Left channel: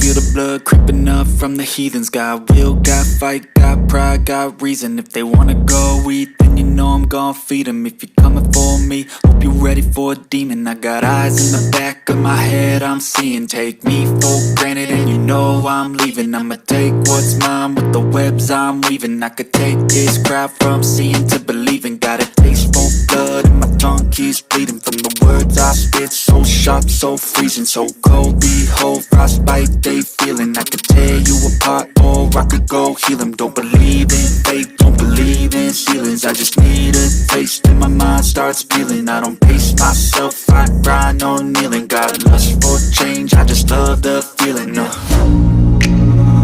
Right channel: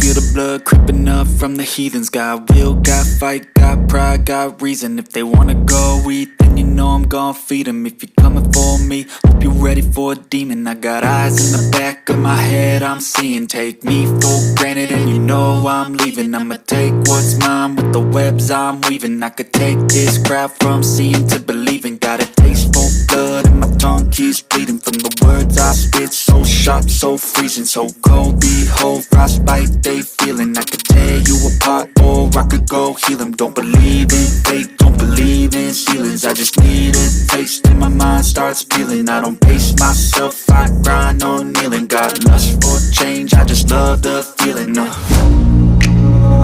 feel the blood creeping up from the heathens. Got will, got fight, got pride, got reason. If they wanna go eat, then you know I'm gon' feed them. If you're coming for me, hope you're ready for a demon. I got eyes in the back of my head, I'm seeing. Take me for granted and you know I'm leaving. I'ma take what's mine with the webs I'm weaving. I could take this crowd from seeing to believing. Got a taste for blood and my tongue keeps bleeding from the words I spit. So sharp, so freezing, so cold. Behold, frostbite they feeling. I could tear you apart or I could go heal them. Don't believe in fate, don't believe in ceilings. I just need a taste and my mind starts peeling. I don't pace myself, I grind on kneeling. Got lust for change, I just love the feeling.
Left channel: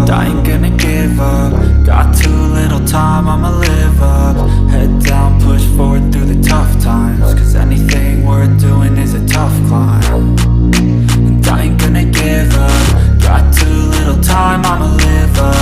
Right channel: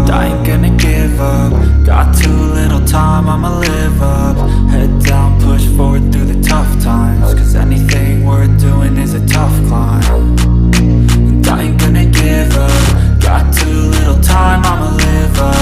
I ain't gonna give up. Got too little time, I'ma live up. Head down, push forward through the tough times. Cause anything worth doing is a tough climb. And I ain't gonna give up. Got too little time, I'ma live up.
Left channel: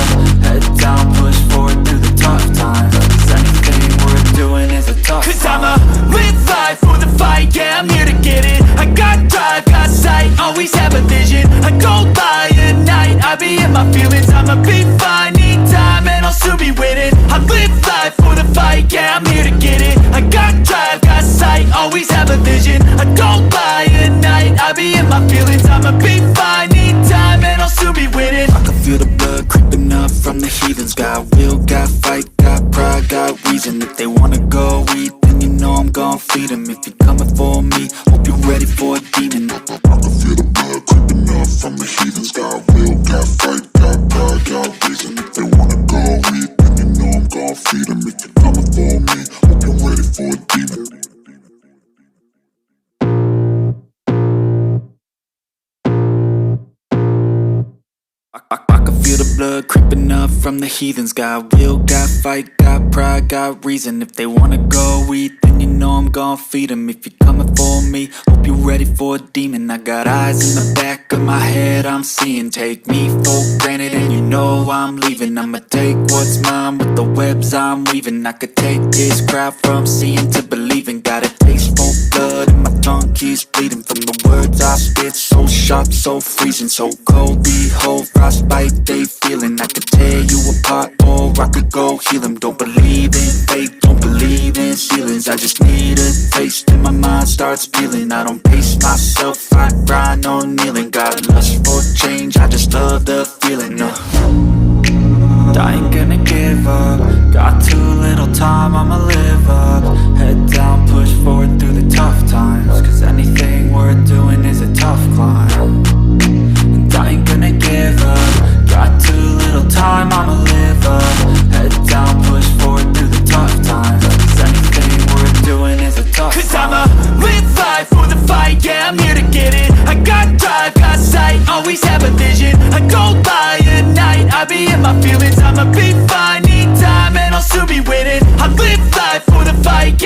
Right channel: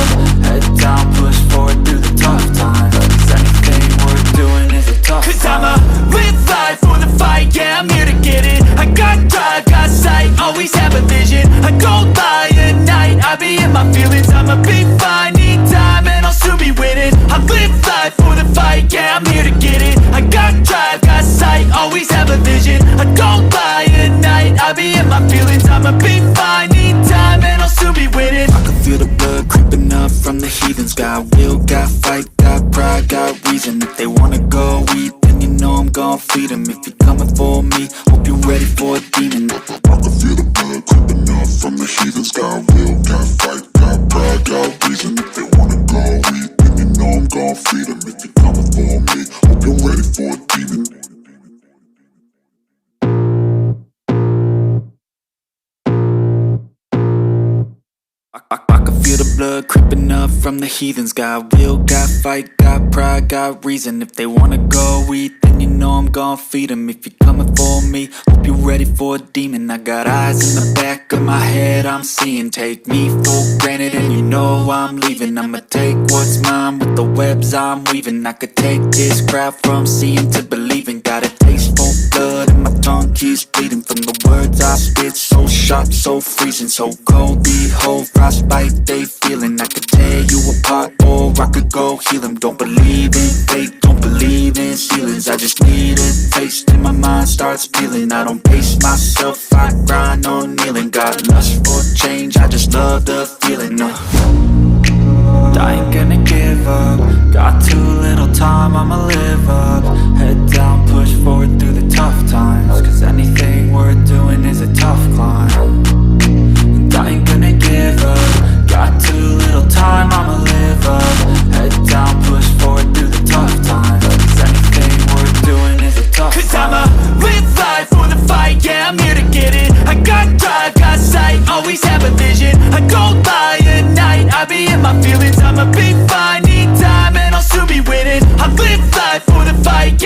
Head down, push forward through the tough times. Cause anything worth doing is a tough climb. Cause I'ma live life for the fight, yeah, I'm here to get it. I got drive, got sight, always have a vision. I go by at night, I be in my feelings. I'ma be fine, need time and I'll soon be winning. I live life for the fight, yeah, I'm here to get it. I got drive, got sight, always have a vision. I go by at night, I be in my feelings. I'ma be fine, need time and I'll soon be winning. I can feel the blood creeping up from the heathens. Got will, got fight, got pride, got reason. If they wanna go eat, then you know I'm gon' feed them. If you're coming for me, hope you're ready for a demon. I can feel the blood creeping up from the heathens. Got will, got fight, got pride, got reason. If they wanna go eat, then you know I'm gon' feed them. If you're coming for me, hope you're ready for a demon. I can feel the blood creeping up from the heathens. Got will, got fight, got pride, got reason. If they wanna go eat, then you know I'm gon' feed them. If you're coming for me, hope you're ready for a demon. I got eyes in the back of my head, I'm seeing. Take me for granted and you know I'm leaving. I'ma take what's mine with the webs I'm weaving. I could take this crowd from seeing to believing. Got a taste for blood and my tongue keeps bleeding from the words I spit. So sharp, so freezing, so cold. Behold, frostbite they feeling. I could tear you apart or I could go heal them. Don't believe in fate, don't believe in ceilings. I just need a taste and my mind starts peeling. I don't pace myself, I grind on kneeling. Got lust for change, I just love the feeling. I ain't gonna give up. Got too little time, I'ma live up. Head down, push forward through the tough times. Cause anything worth doing is a tough climb. And I ain't gonna give up. Got too little time, I'ma live up. Head down, push forward through the tough times. Cause anything worth doing is a tough climb. Cause I'ma live life for the fight, yeah, I'm here to get it. I got drive, got sight, always have a vision. I go by at night, I be in my feelings. I'ma be fine, need time and I'll soon be winning. I live life for the fight, yeah.